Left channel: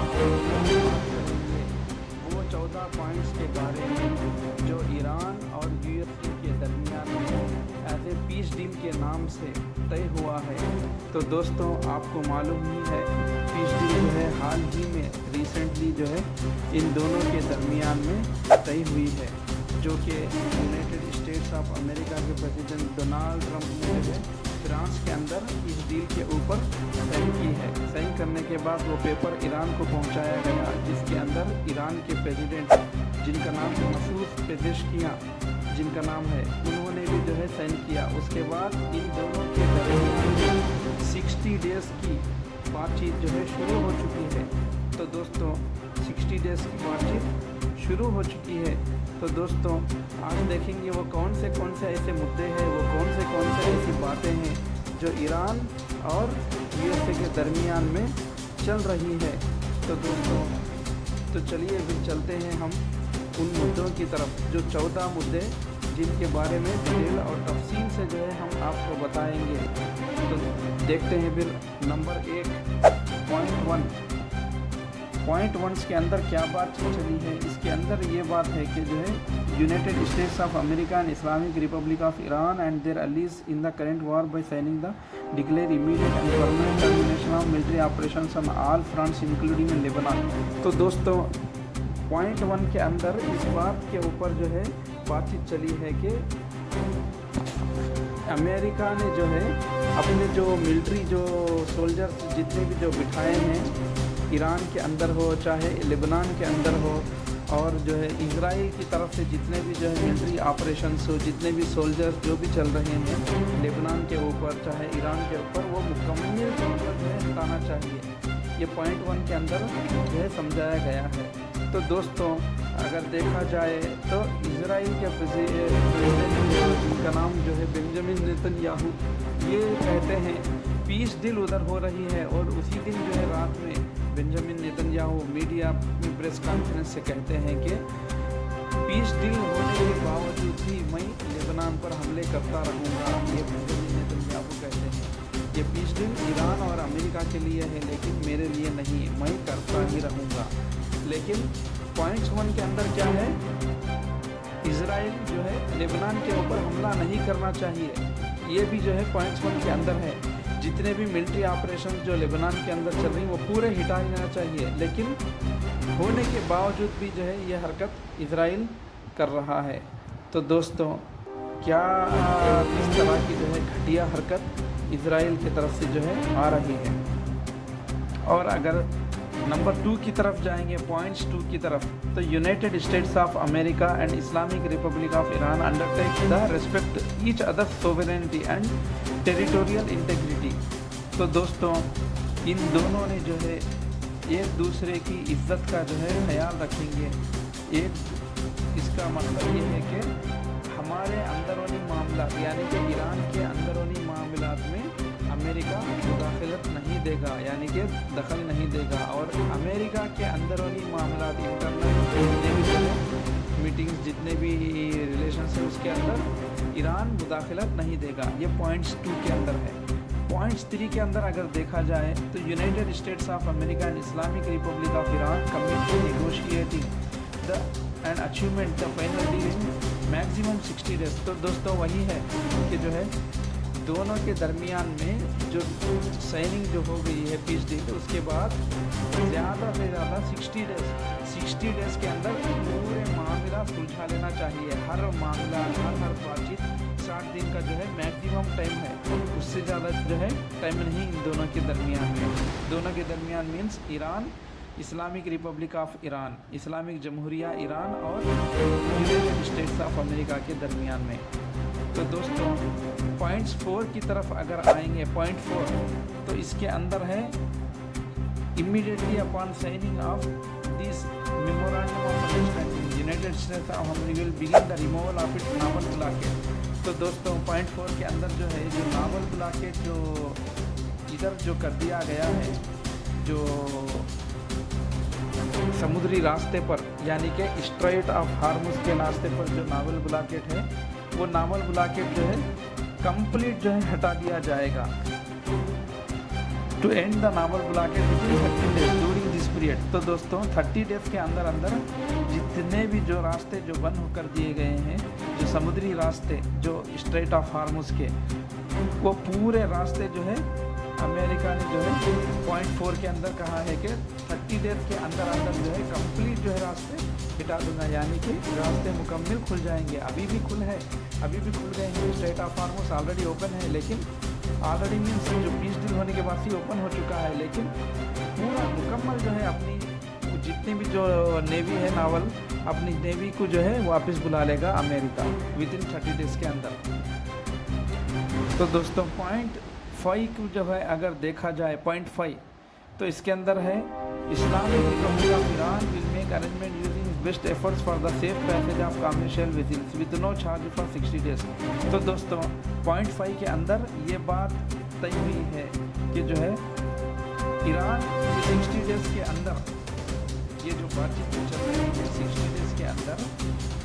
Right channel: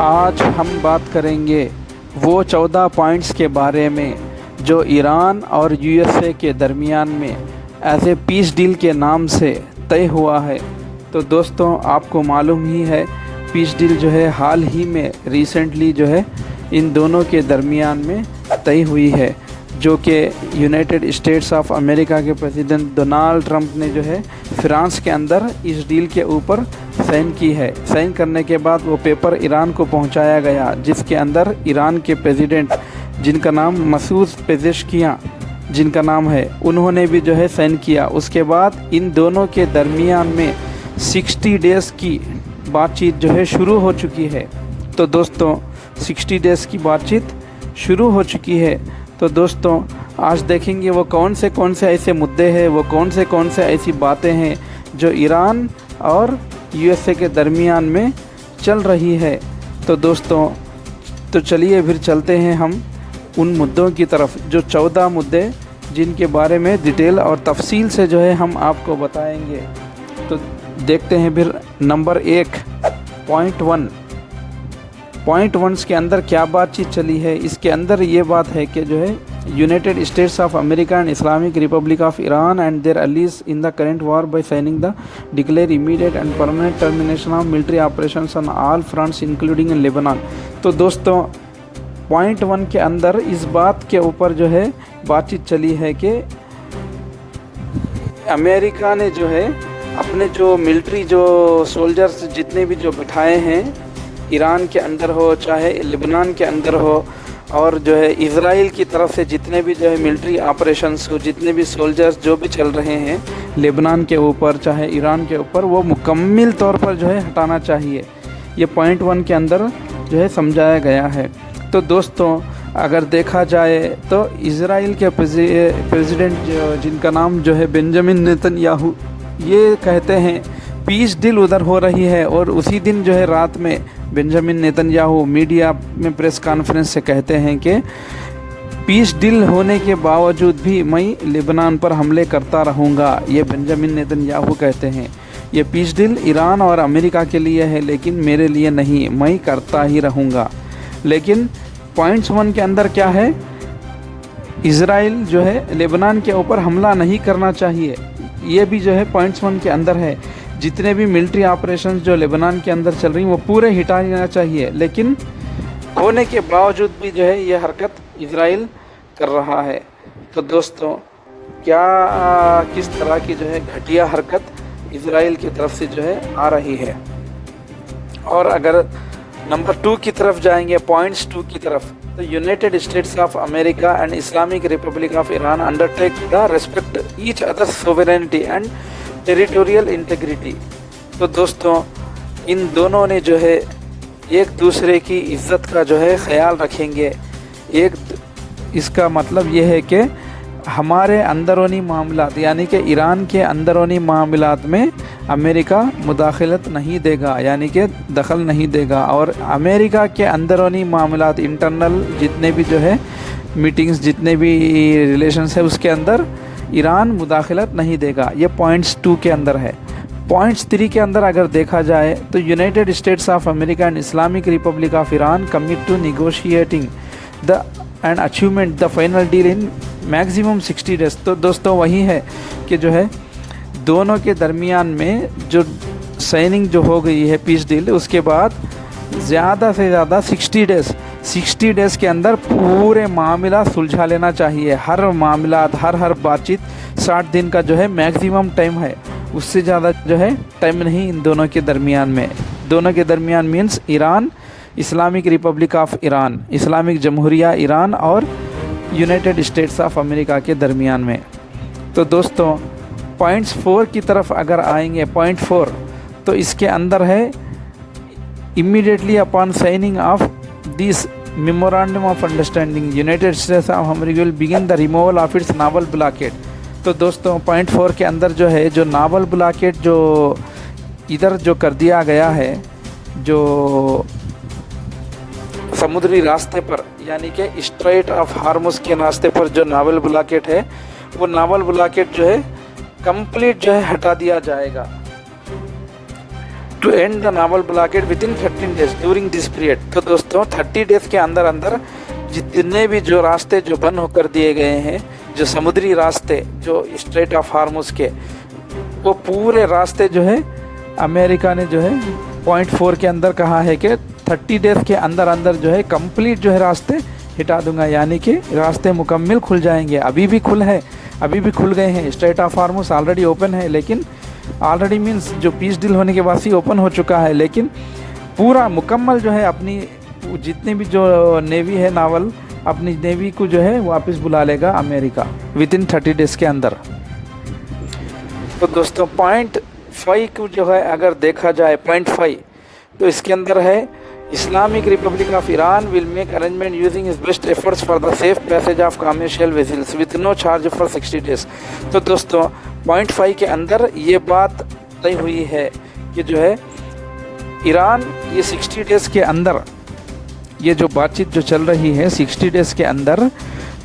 आज हम बात करेंगे वो 14 पॉइंट्स के बारे में जो ईरान और यूएसए के दरमियान में एज ए पीस डील के नाम से तय हुआ है। तो दोस्तों, आपको मालूम ही है पीस डील जो है हाल ही में रिसेंटली जो है इन दोनों के दरमियान में तय हुई है, जो कि यूनाइटेड स्टेट्स ऑफ अमेरिका के प्रेसिडेंट डोनाल्ड ट्रंप ने जो है फ्रांस के अंदर इस डील के ऊपर साइन की है। साइन करने के बाद वो पेपर ईरान को पहुंचाया गया, जिसके अंदर ईरान के प्रेसिडेंट जिनका नाम मसूद पेजेश्कियां जिनका नाम है, उन्होंने भी जो है साइन किया। उसके बाद इन दोनों के दरमियान में 60 डेज़ की बातचीत जो है शुरू हो चुकी है। तो दोस्तों, 60 डेज़ की बातचीत शुरू हो चुकी है। तो दोस्तों, आज देखेंगे वो कौन से ऐसे मुद्दे हैं, वो कौन से ऐसी बातें हैं जो ईरान और यूएसए के दरमियान में चल रही है। तो दोस्तों, तो चलिए फिर चलते हैं हम उन मुद्दों की तरफ, जो 14 मुद्दे जिनके बारे में डिटेल और तफसील से जो है हम आपको बताएंगे। तो देखते हैं फिर नंबर 1 पॉइंट 1 के अंदर क्या बातचीत चली है। इसके अंदर ये बात है कि जो है United States of America and Islamic Republic of Iran and their allies in the current war by signing the declare immediate and permanent termination of military operations on all fronts including in Lebanon. तो दोस्तों, point 1 के अंदर इस बात के ऊपर जो है बातचीत चली है कि अमेरिका ने जो है अपने जो मिलिट्री जो सोल्जर्स जितने भी जो बिठाए हैं, ईरान के अंदर हो चाहे लेबनान के अंदर हो, और जो है इज़राइल की तरफ से जितने भी जो है मिलिट्री ऑपरेशंस हो, जितने भी सोल्जर्स जो भी चल रहे हैं लेबनान के ऊपर चाहे ईरान के ऊपर, वो मुकम्मल तौर पर जो है हटाना चाहिए। ये पॉइंट 1 के अंदर जो है समझाया गया है। तो दोस्तों, अगर देखा जाए तो इज़राइल के प्रेसिडेंट जिनका नाम जो है बेंजामिन नेतन्याहू, ये कहते हैं पीस डील उधर हो रही है, और उसी दिन जो है रात में बेंजामिन नेतन्याहू मीडिया में प्रेस कॉन्फ्रेंस से कहते हैं कि पीस डील होने के बावजूद भी मैं लेबनान पर हमले करता रहूँगा। ये बेंजामिन नेतन्याहू कहते हैं ये पीस डील ईरान और अमेरिका के लिए है, लेकिन मेरे लिए नहीं, मैं करता ही रहूँगा। लेकिन पॉइंट्स 1 के अंदर क्या है, इज़राइल जो है लेबनान के ऊपर हमला नहीं करना चाहिए। ये भी जो है पॉइंट्स 1 के अंदर है। जितने भी मिलिट्री ऑपरेशंस जो लेबनान के अंदर चल रही हैं वो पूरे हटा लेना चाहिए, लेकिन होने के बावजूद भी जो है ये हरकत इज़राइल कर रहा है। तो दोस्तों, क्या किस तरह की जो है घटिया हरकत इज़राइल की तरफ से जो है आ रही है। और अगर नंबर 2 की तरफ जाएंगे, पॉइंट्स 2 की तरफ, तो United States of America and Islamic Republic of Iran undertake the respect each others sovereignty and territorial integrity. तो दोस्तों, इन दोनों ने जो है एक दूसरे की इज़्ज़त का जो है ख्याल रखेंगे। इसका मतलब ये है कि हमारे अंदरूनी मामलात यानी कि ईरान के अंदरूनी मामलात में अमेरिका मुदाखलत नहीं देगा, यानी कि दखल नहीं देगा, और अमेरिका के अंदरूनी मामलात इंटरनल जितने भी जो है मीटिंग्स जितने भी रिलेशंस है उसके अंदर ईरान मुदाखलत नहीं देगा। ये पॉइंट्स 2 के अंदर है। पॉइंट्स 3 के अंदर अगर देखा जाए तो United States of America and Islamic Republic of Iran commit to negotiating the and achievement the final deal in maximum 60 days. तो दोस्तों, वही है कि जो है दोनों के दरमियान में जो साइनिंग जो हो गई है पीस डील, उसके बाद ज़्यादा से ज़्यादा 60 डेज़ के अंदर पूरे मामला सुलझा लेना चाहिए। हर मामला हर बातचीत 60 दिन का जो है मैक्सिमम टाइम है, उससे ज़्यादा जो है टाइम नहीं इन दोनों के दरमियान में। दोनों के दरमियान means Iran, Islamic Republic of Iran, Islamic जमहूरिया ईरान और यूनाइटेड स्टेट्स ऑफ अमेरिका के दरमियान में। तो दोस्तों, पॉइंट्स 4 की तरफ अगर आएंगे, पॉइंट 4, तो इसके अंदर है immediately upon signing off this memorandum of understanding United States of America will begin the removal of its novel blockade. तो दोस्तों, पॉइंट 4 के अंदर जो है जो नावल ब्लॉकेड जो इधर जो कर दिया गया है, जो समुद्री रास्ते पर यानी कि स्ट्रेट ऑफ हार्मुज के रास्ते पर जो नावल ब्लॉकेड है, वो नावल ब्लॉकेड जो है कंप्लीट जो है हटा दिया जाएगा। To end the naval blockade within 13 days during this period. तो दोस्तों 30 डेज के अंदर अंदर जितने भी जो रास्ते जो बंद होकर दिए गए हैं, जो समुद्री रास्ते जो स्ट्रेट ऑफ हार्मुज के, वो पूरे रास्ते जो है अमेरिका ने जो है पॉइंट 4 के अंदर कहा है कि 30 डेज के अंदर अंदर जो है कंप्लीट जो है रास्ते हटा दूंगा, यानी कि रास्ते मुकम्मल खुल जाएंगे। अभी भी खुल गए हैं। Straight of Hormuz already open है, लेकिन ऑलरेडी मीन्स जो पीस डील होने के बाद ही ओपन हो चुका है, लेकिन पूरा मुकम्मल जो है अपनी जितनी भी जो नेवी है नावल, अपनी नेवी को जो है वापस बुला लेगा अमेरिका विद इन 30 डेज के अंदर। तो दोस्तों पॉइंट 5 को जो है अगर देखा जाए, पॉइंट 5 तो इसके अंदर है Islamic Republic of Iran will make arrangement using his best efforts for the safe passage of commercial vessels with no charge for 60 days. तो दोस्तों पॉइंट 5 के अंदर ये बात तय हुई है कि जो है ईरान ये 60 डेज़ के अंदर, ये जो बातचीत जो चल रही है 60 डेज़ के अंदर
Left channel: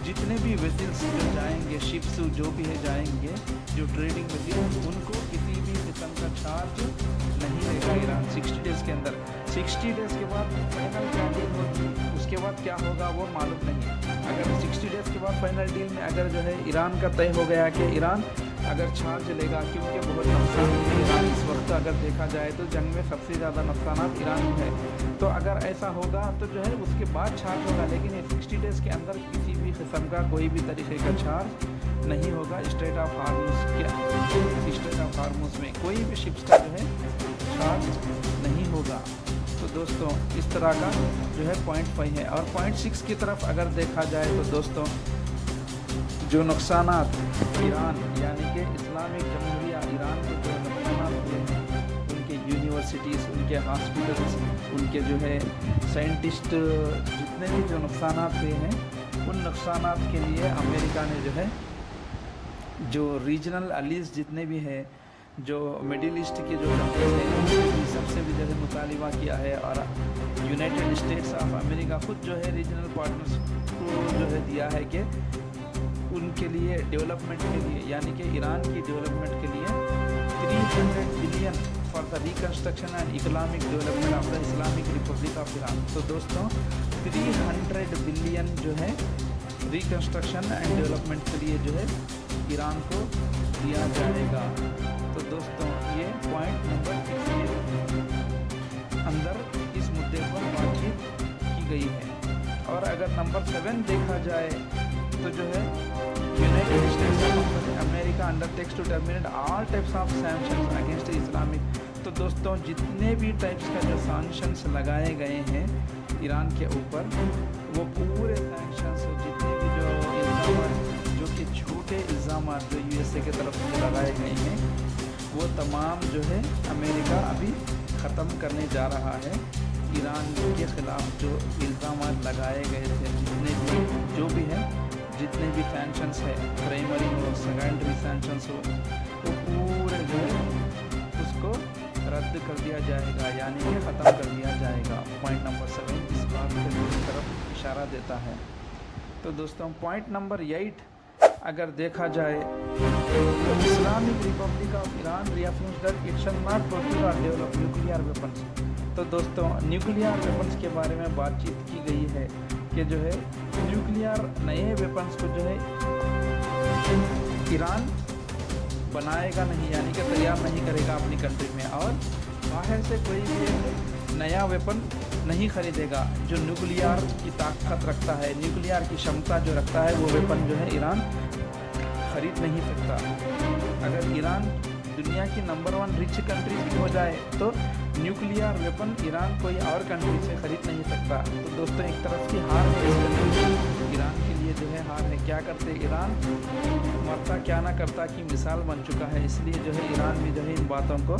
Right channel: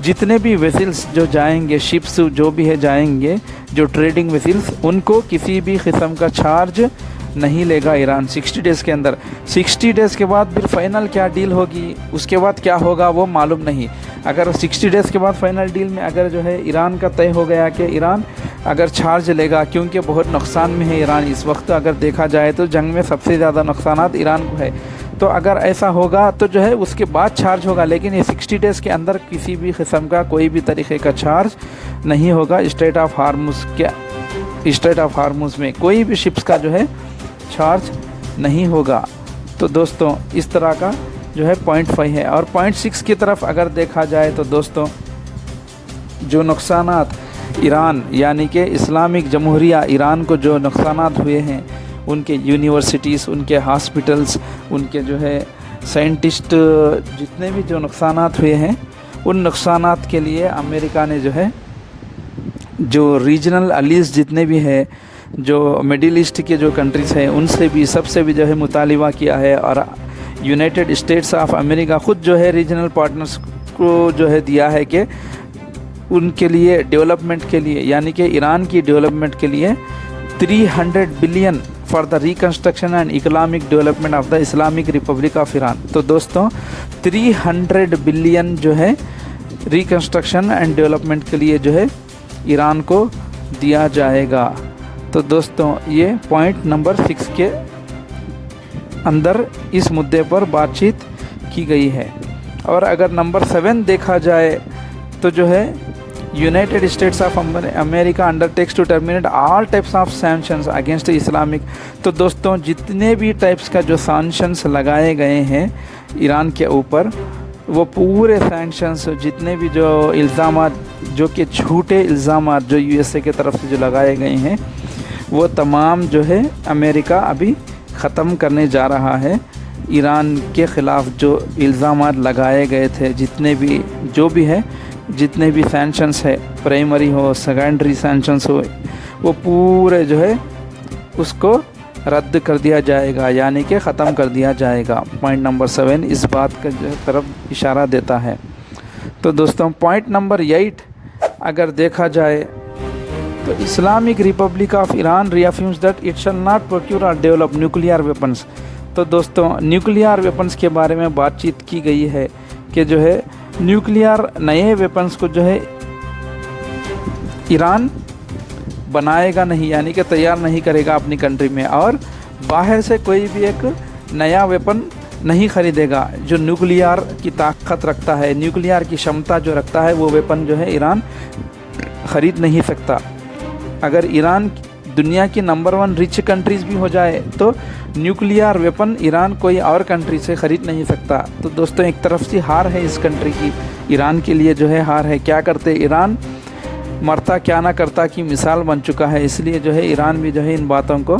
जितने भी वेसल्स जो जाएंगे, शिप्स जो भी है जाएंगे, जो ट्रेडिंग वेसल्स, उनको किसी भी किस्म का चार्ज नहीं लेगा ईरान 60 डेज़ के अंदर। 60 डेज़ के बाद फिर फाइनल क्या डील होगी, उसके बाद क्या होगा वो मालूम नहीं। अगर 60 डेज़ के बाद फाइनल डील में अगर जो है ईरान का तय हो गया कि ईरान अगर चार्ज लेगा, क्योंकि बहुत नुकसान में है ईरान इस वक्त, अगर देखा जाए तो जंग में सबसे ज़्यादा नुकसानात ईरान को है, तो अगर ऐसा होगा तो जो है उसके बाद चार्ज होगा। लेकिन ये 60 डेज़ के अंदर किसी भी किस्म का कोई भी तरीके का चार्ज नहीं होगा। स्ट्रेट ऑफ हार्मुज में कोई भी शिप्स का जो है चार्ज नहीं होगा। तो दोस्तों इस तरह का जो है पॉइंट 5 है। और पॉइंट 6 की तरफ अगर देखा जाए तो दोस्तों जो नुकसानात ईरान यानी कि इस्लामिक जमहूरिया ईरान को जो नुकसानात हुए हैं, उनके यूनिवर्सिटीज़, उनके हॉस्पिटल्स, उनके जो है साइंटिस्ट, जितने भी जो नुकसानात हुए हैं, उन नुकसानात के लिए अमेरिका ने जो है जो रीजनल अलीज जितने भी है, जो मिडिल ईस्ट के जो कंट्रीज़ हैं, उनसे भी सबसे भी जो है मुतालिबा किया है। और यूनाइटेड स्टेट्स ऑफ अमेरिका ख़ुद जो है रीजनल पार्टनर्स को जो है दिया है कि उनके लिए डेवलपमेंट के लिए, यानी कि ईरान की डेवलपमेंट के लिए 300 billion for the reconstruction and economic development of the Islamic Republic of Iran. तो दोस्तों 300 बिलियन जो है रिकन्स्ट्रक्शन एंड डेवलपमेंट के लिए जो है ईरान को दिया जाएगा। तो दोस्तों ये पॉइंट नंबर 6 के अंदर इस मुद्दे पर बातचीत की गई है। और अगर नंबर 7 देखा जाए तो जो है United States of America undertakes to terminate all types of sanctions against Islamic. तो दोस्तों जितने भी टाइप्स का जो सैंक्शंस लगाए गए हैं ईरान के ऊपर, वो पूरे सैंक्शंस, जितने भी जो इल्ज़ामात, जो कि झूठे इल्ज़ामात जो यूएसए के तरफ से जो लगाए गए हैं, वो तमाम जो है अमेरिका अभी ख़त्म करने जा रहा है। ईरान के ख़िलाफ़ जो इल्ज़ामात लगाए गए थे, जितने भी जो भी है, जितने भी सैंक्शंस है, प्राइमरी हो, सेकेंडरी सैंक्शंस हो, वो पूरे जो है उसको रद्द कर दिया जाएगा, यानी कि ख़त्म कर दिया जाएगा। पॉइंट नंबर 7 इस बात के तरफ इशारा देता है। तो दोस्तों पॉइंट नंबर 8 अगर देखा जाए तो Islamic Republic of Iran reaffirms that it shall not procure और डेवलप न्यूक्लियर वेपन्स। तो दोस्तों न्यूक्लियर वेपन्स के बारे में बातचीत की गई है कि जो है न्यूक्लियर नए वेपन्स को जो है ईरान बनाएगा नहीं, यानी कि तैयार नहीं करेगा अपनी कंट्री में, और बाहर से कोई भी एक नया वेपन नहीं ख़रीदेगा जो न्यूक्लियर की ताकत रखता है, न्यूक्लियर की क्षमता जो रखता है, वो वेपन जो है ईरान ख़रीद नहीं सकता। अगर ईरान दुनिया की नंबर 1 रिच कंट्रीज़ भी हो जाए तो न्यूक्लियर वेपन ईरान कोई और कंट्री से ख़रीद नहीं सकता। तो दोस्तों एक तरफ से हार है इस कंट्री की, ईरान के लिए जो है हार है। क्या करते ईरान, मरता क्या ना करता की मिसाल बन चुका है, इसलिए जो है ईरान भी जो है इन बातों को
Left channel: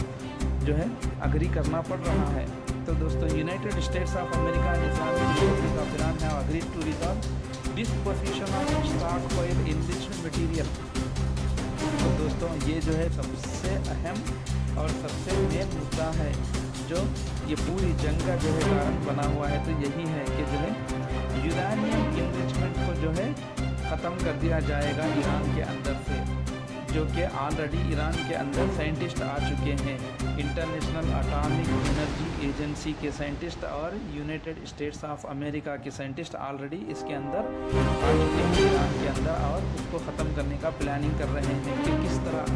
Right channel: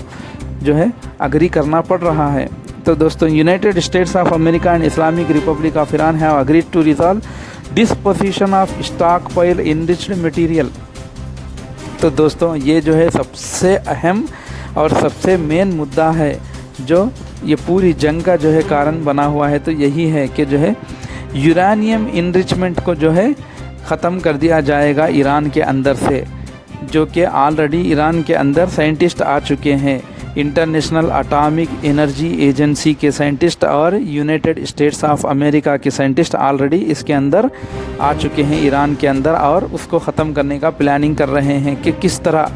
जो है अग्री करना पड़ रहा है। तो दोस्तों United States of America and Islamic Republic of Iran have agreed to resolve disposition of stockpile enriched material. तो दोस्तों ये जो है सबसे अहम और सबसे मेन मुद्दा है जो ये पूरी जंग का जो है कारण बना हुआ है। तो यही है कि जो है यूरेनियम इनरिचमेंट को जो है ख़त्म कर दिया जाएगा ईरान के अंदर से। जो कि ऑलरेडी ईरान के अंदर साइंटिस्ट आ चुके हैं। इंटरनेशनल एटॉमिक एनर्जी एजेंसी के साइंटिस्ट और यूनाइटेड स्टेट्स ऑफ अमेरिका के साइंटिस्ट ऑलरेडी इसके अंदर आ चुके हैं ईरान के अंदर, और उसको ख़त्म करने का प्लानिंग कर रहे हैं कि किस तरह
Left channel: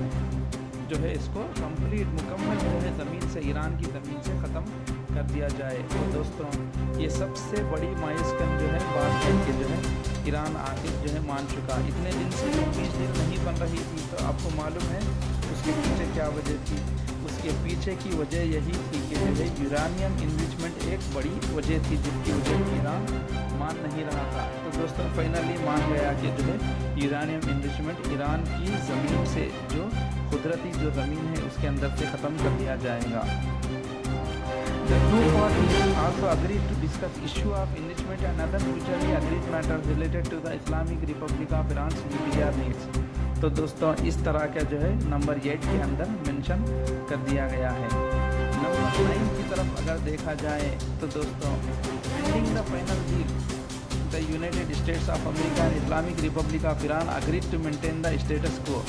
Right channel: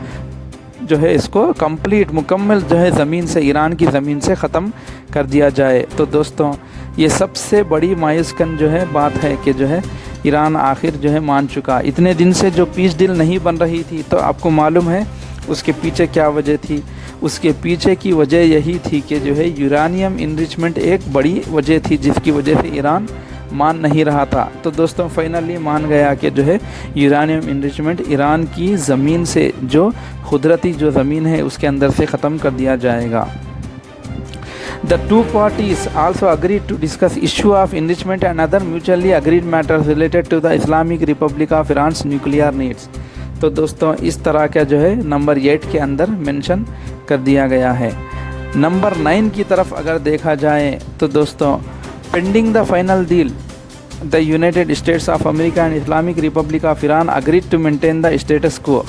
जो है इसको कंप्लीट मुकम्मल जो है ज़मीन से, ईरान की ज़मीन से ख़त्म कर दिया जाए। तो दोस्तों ये सबसे बड़ी मायूसकन जो है बात है कि जो है ईरान आखिर जो है मान चुका। इतने दिन से जो पीस डील नहीं बन रही थी, तो आपको मालूम है उसके पीछे क्या वजह थी। उसके पीछे की वजह यही थी कि जो है यूरानियम इनरिचमेंट एक बड़ी वजह थी, जिसकी वजह से ईरान मान नहीं रहा था। तो दोस्तों फाइनली मान गया कि जो है यूरानियम इनरिचमेंट ईरान की ज़मीन से, जो कुदरती जो ज़मीन है उसके अंदर से ख़त्म कर दिया जाएगा। The two parties also agreed to discuss issue of enrichment and other mutually agreed matters related to the Islamic Republic of Iran's nuclear needs। तो दोस्तों इस तरह का जो है नंबर 8 के अंदर मेंशन कर दिया गया है। नंबर 9 की तरफ अगर देखा जाए तो दोस्तों pending the final deal the United States of America and Islamic Republic of Iran agreed to maintain the status quo.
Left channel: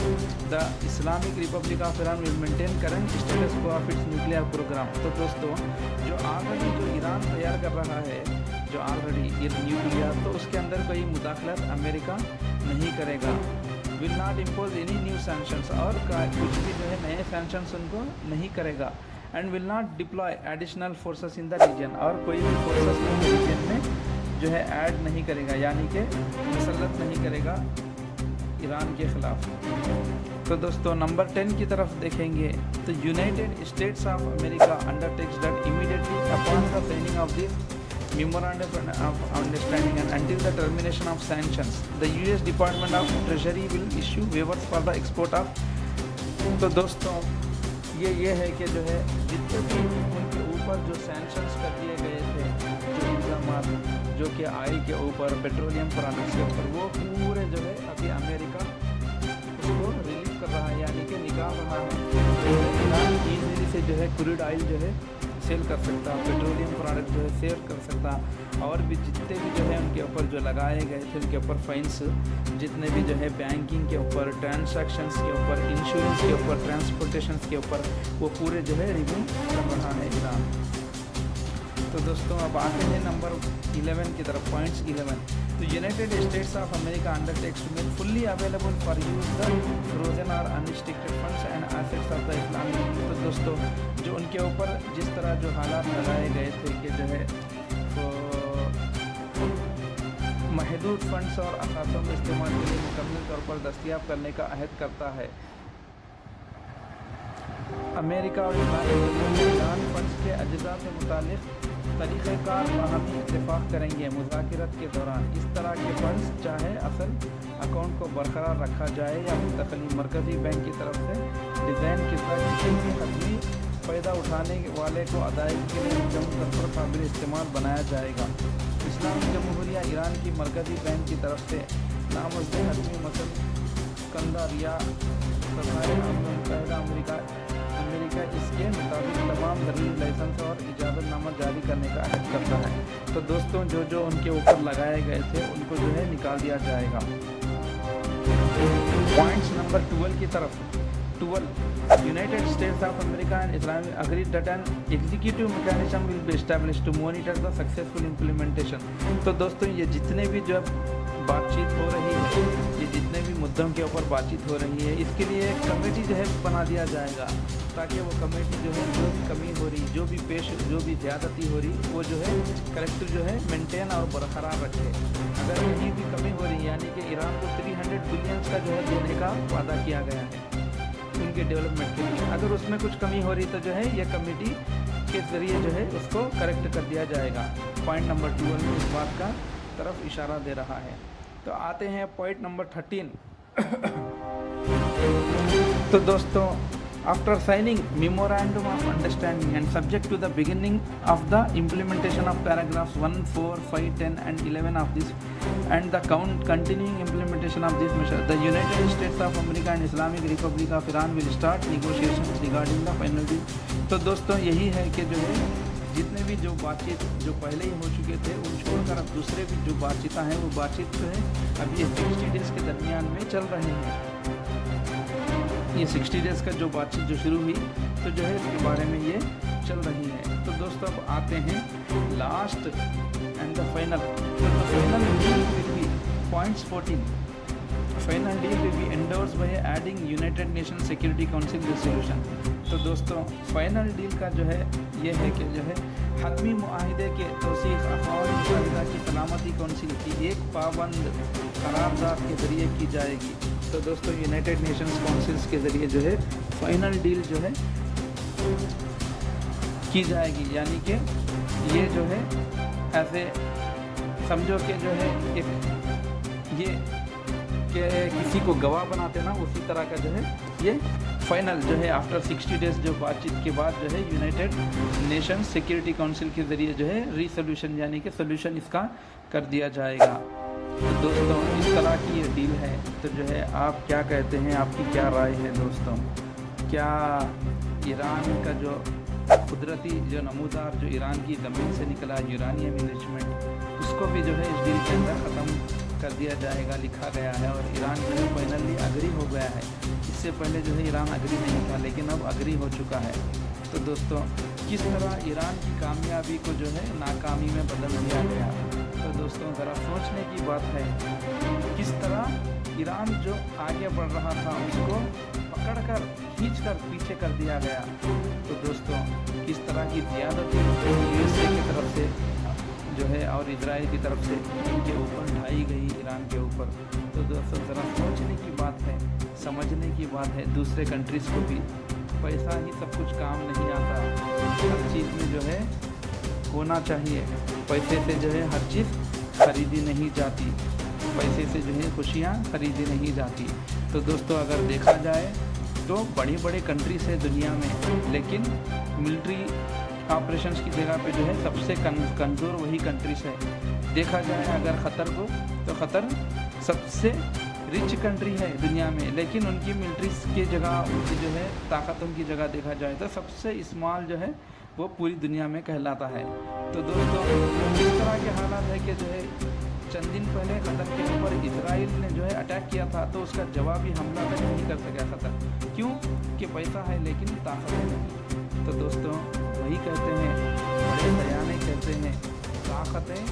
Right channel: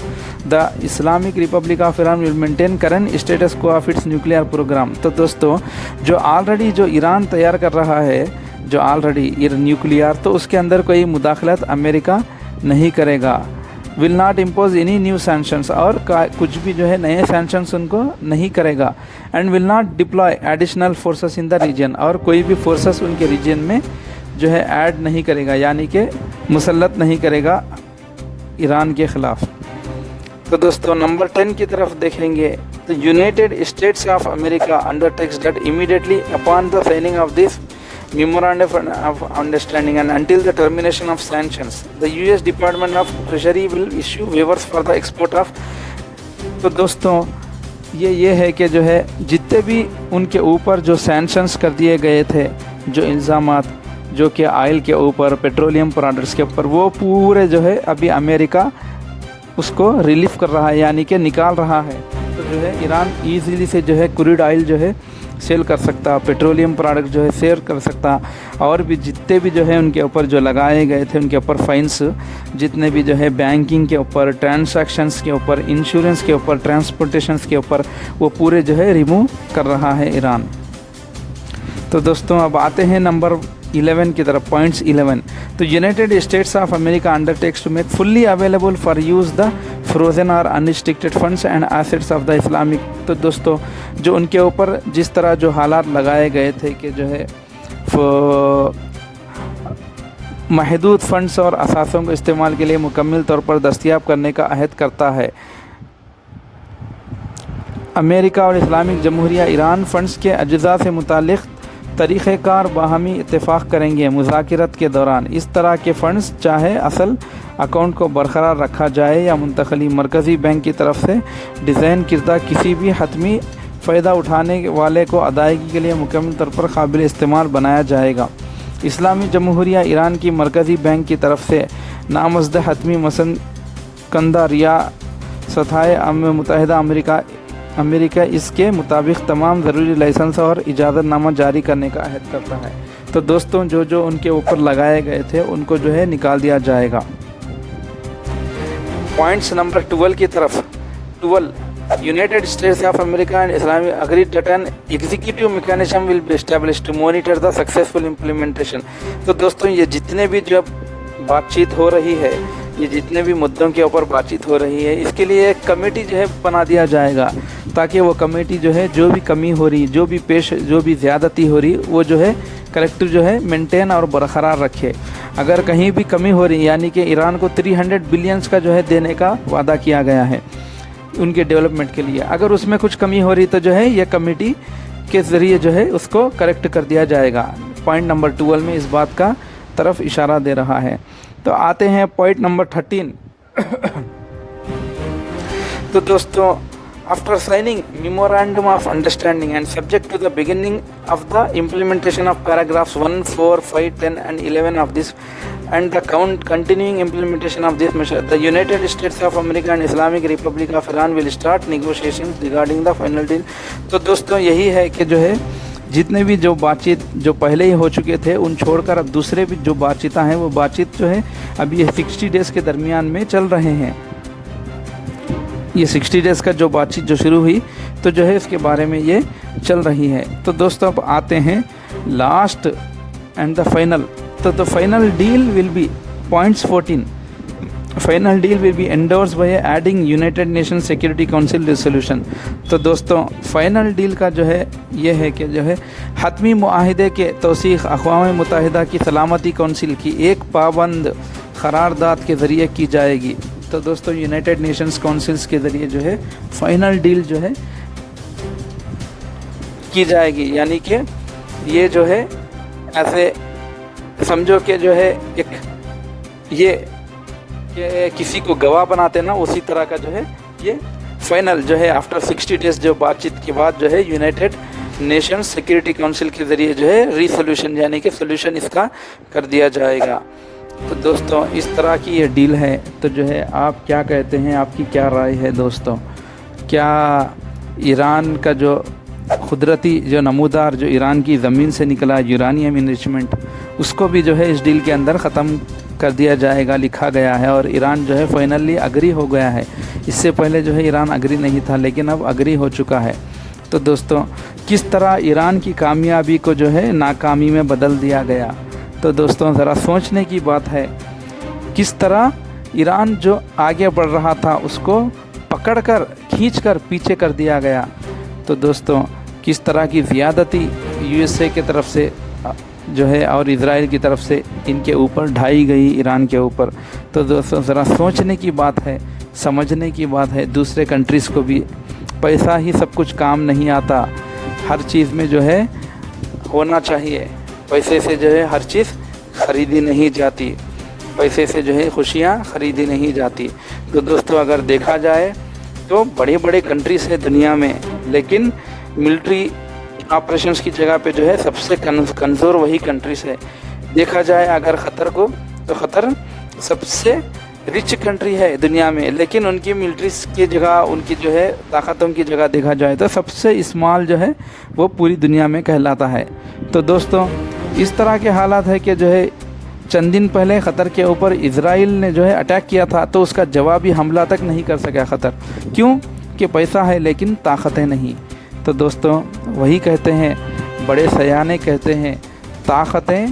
The Islamic Republic of Iran will maintain current status quo of its nuclear program. तो दोस्तों जो already जो Iran तैयार कर रहा है, जो already nuclear, तो उसके अंदर कोई मुदाखलत अमेरिका नहीं करेगा। Will not impose any new sanctions, और कुछ भी जो है नए सैंक्शंस उनको नहीं करेगा। And will not deploy additional forces in the region, और कोई भी फोर्सेस उनके रीजन में जो है ऐड नहीं करेगा, यानी कि मुसल्लत नहीं करेगा ईरान के ख़िलाफ़। तो दोस्तों नंबर 10 की तरफ देखेंगे तो United States of America undertakes that immediately upon the signing off this memorandum of understanding and until the termination of sanctions, the US Department of Treasury will issue waivers for the export of। तो दोस्तों ये है कि जो है जितने भी उनके ऊपर जो सैंक्शंस कर दिए गए थे, जो इल्ज़ामात जो कि ऑयल के ऊपर, पेट्रोलियम प्रोडक्ट्स के ऊपर, वो पूरे जो है अभी अमेरिका उसको रिलीफ कर रहा है, यानी कि निकाल रहा है। तो जो है ईरान ईज़िली से जो है क्रूड ऑयल जो है सेल कर सकता, पेट्रोलियम प्रोडक्ट जो है सेल कर सकता, और भी जितने भी जो है उनके ऊपर जो लगाए गए थे उनके ऊपर फाइन्स, जितने भी जो है बैंकिंग के ऊपर, ट्रांसैक्शंस के ऊपर, इंश्योरेंस के ऊपर, ट्रांसपोर्टेशंस के ऊपर, वो पूरे जो है रिमूव कर रहा है ईरान। तो दोस्तों अब आते हैं नंबर 11 की तरफ, पॉइंट्स 11। तो United States of America undertakes to make fully available for use the frozen और unrestricted funds and assets of the Islamic. तो दोस्तों जो उनके ऊपर जिस तरह जो हालात लगाए गए थे कि जो है महदूद फंड्स और असासों को इस्तेमाल के लिए मुकम्मल तौर पर दस्तयाब करने का अहद करता है। अमेरिका और इस्लामिक जमहूरिया ईरान फ़ंड्स के अज्जा से मुतालिक तरीक़ेकार बाहमी इत्तेफाक करेंगे मुज़ाकरत के दौरान। इस तरह के फ़ंड्स चाहे असल अकाउंट को बरकरार रखा जाए या मुंतकली मरकज़ी बैंक की तरफ से डिज़ाइन किर्दा किसी भी हतमी फ़ायदा उठाने वाले को अदायगी के लिए मुकम्मल तौर पर काबिल इस्तेमाल बनाया जाएगा। इस्लामी जमहूरिया ईरान की मरकज़ी बैंक की तरफ से नामज़द हतमी मसन कंदा रियासताए मुत्तहिदा अमेरिका इसके मुताबिक तमाम ज़रूरी लाइसेंस और इजाज़तनामा जारी करने का अहद करता है। तो दोस्तों जो उनके ऊपर लगाए गए थे उनको जो है निकाल दिया जाएगा। पॉइंट्स नंबर 12 की तरफ। 12 United States of America and Islamic agreed that an executive mechanism will be established to monitor the successful implementation. तो दोस्तों ये जितने भी जो बातचीत हो रही है, ये जितने भी मुद्दों के ऊपर बातचीत हो रही है, इसके लिए एक कमेटी जो है बना दिया जाएगा, ताकि वो कमेटी जो है जो भी कमी हो रही, जो भी ज़्यादती हो रही, वो जो है कलेक्टिव जो है मेंटेन और बरकरार रखे। अगर कहीं भी कमी हो रही, यानी कि ईरान को 300 बिलियंस का जो है देने का वादा किया गया है उनके डेवलपमेंट के लिए, अगर उसमें कुछ कमी हो रही तो जो है ये कमेटी के ज़रिए जो है उसको करेक्ट कर दिया जाएगा। पॉइंट नंबर 12 में इस बात का तरफ इशारा दे रहा है। तो आते हैं पॉइंट नंबर 13। तो दोस्तों after signing memorandum of understanding and subject to the beginning of the implementation of paragraphs 1, 4, 5, 10 and 11 of this and the continuing implementation of this measure, the United States of America and Islamic Republic of Iran will start negotiations regarding the final deal। तो दोस्तों यही है कि जो है जितने भी जो बातचीत जो पहले ही हो चुके थे उन छोड़कर अब दूसरे भी जो बातचीत हैं वो बातचीत जो है अभी 60 डेज़ के दरमियान में चल रहे हैं। ये 60 डेज़ का जो बातचीत जो शुरू हुई तो जो है इसके बारे में ये चल रही है। तो दोस्तों अब आते हैं लास्ट एंड द फाइनल। तो the final deal will be points 14। Final deal will be endorse by adding United nation security council resolution. तो दोस्तों फाइनल डील का जो है ये है कि जो है हतमी मुआहिदे के तौसीक़ अक़वाम मुत्तहिदा की सलामती कौंसिल की एक पाबंद करारदाद के ज़रिए की जाएगी। तो दोस्तों यूनाइटेड नेशंस काउंसिल्स के ज़रिए जो है फाइनल डील जो है की जाएगी, यानी कि ये जो है ऐसे समझो कि जो है एक ये कि किसी को गवाह बनाते ना, उसी तरह का जो है ये फाइनल जो है आफ्टर 60 डेज़ जो बातचीत के बाद जो है यूनाइटेड नेशंस सिक्योरिटी काउंसिल के ज़रिए जो है रीसोल्यूशन यानी कि सोल्यूशन इसका कर दिया जाएगा। तो दोस्तों इस तरह की ये डील है। तो जो है आप क्या कहते हैं, आपकी क्या राय है दोस्तों? क्या ईरान का जो कुदरती जो नमूदार जो ईरान की ज़मीन से निकला यूरानियम इनरिचमेंट, उसको भी जो है इस डील के अंदर ख़त्म कर दिया जाएगा, लिखा गया है। और ईरान जो है फाइनली अग्री हो गया है। इससे पहले जो है ईरान अग्री नहीं था, लेकिन अब अग्री हो चुका है। तो दोस्तों किस तरह ईरान की कामयाबी को जो है नाकामी में बदल दिया गया। तो दोस्तों ज़रा सोचने की बात है, किस तरह ईरान जो आगे बढ़ रहा था उसको पकड़कर खींचकर पीछे कर दिया गया। तो दोस्तों किस तरह की ज़्यादती यूएसए की तरफ से जो है और इज़राइल की तरफ से इनके ऊपर ढाई गई ईरान के ऊपर। तो दोस्तों ज़रा सोचने की बात है, समझने की बात है। दूसरे कंट्रीज़ को भी पैसा ही सब कुछ काम नहीं आता, हर चीज़ में जो है होना चाहिए। पैसे से जो है हर चीज़ ख़रीदी नहीं जाती, पैसे से जो है खुशियाँ ख़रीदी नहीं जाती। तो दोस्तों अगर देखा जाए तो बड़े बड़े कंट्रीज़ है दुनिया में, लेकिन मिलिट्री ऑपरेशंस की जगह पे जो है सबसे कमज़ोर वही कंट्रीज़ है। देखा जाए अगर ख़तर को, तो ख़तर सबसे रिच कंट्री है दुनिया में, लेकिन उनकी मिलिट्रीज की जगह, उनकी जो है ताकतों की जगह देखा जाए तो सबसे स्मॉल जो है वो पूरी दुनिया में कहलाता है। तो दोस्तों इस तरह के हालात है कि जो है चंद दिन पहले ख़तर के ऊपर इज़राइल ने जो है अटैक किया था, तो उसका जवाबी हमला तक नहीं कर सका ख़तर। क्यों? कि पैसा है लेकिन ताकतें नहीं। तो दोस्तों वही कहते हैं, बड़े सयाने कहते हैं, ताकतें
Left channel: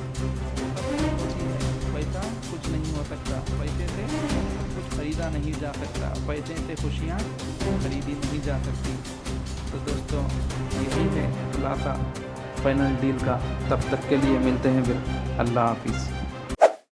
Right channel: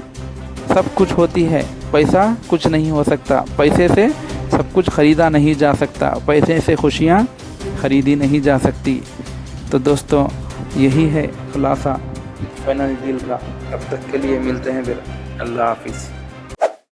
सब कुछ होती है, पैसा कुछ नहीं हो सकता। पैसे से सब कुछ ख़रीदा नहीं जा सकता, पैसे से खुशियाँ ख़रीदी नहीं जा सकती। तो दोस्तों यही है खुलासा फाइनल डील का। तब तक के लिए मिलते हैं फिर। अल्लाह हाफिज़।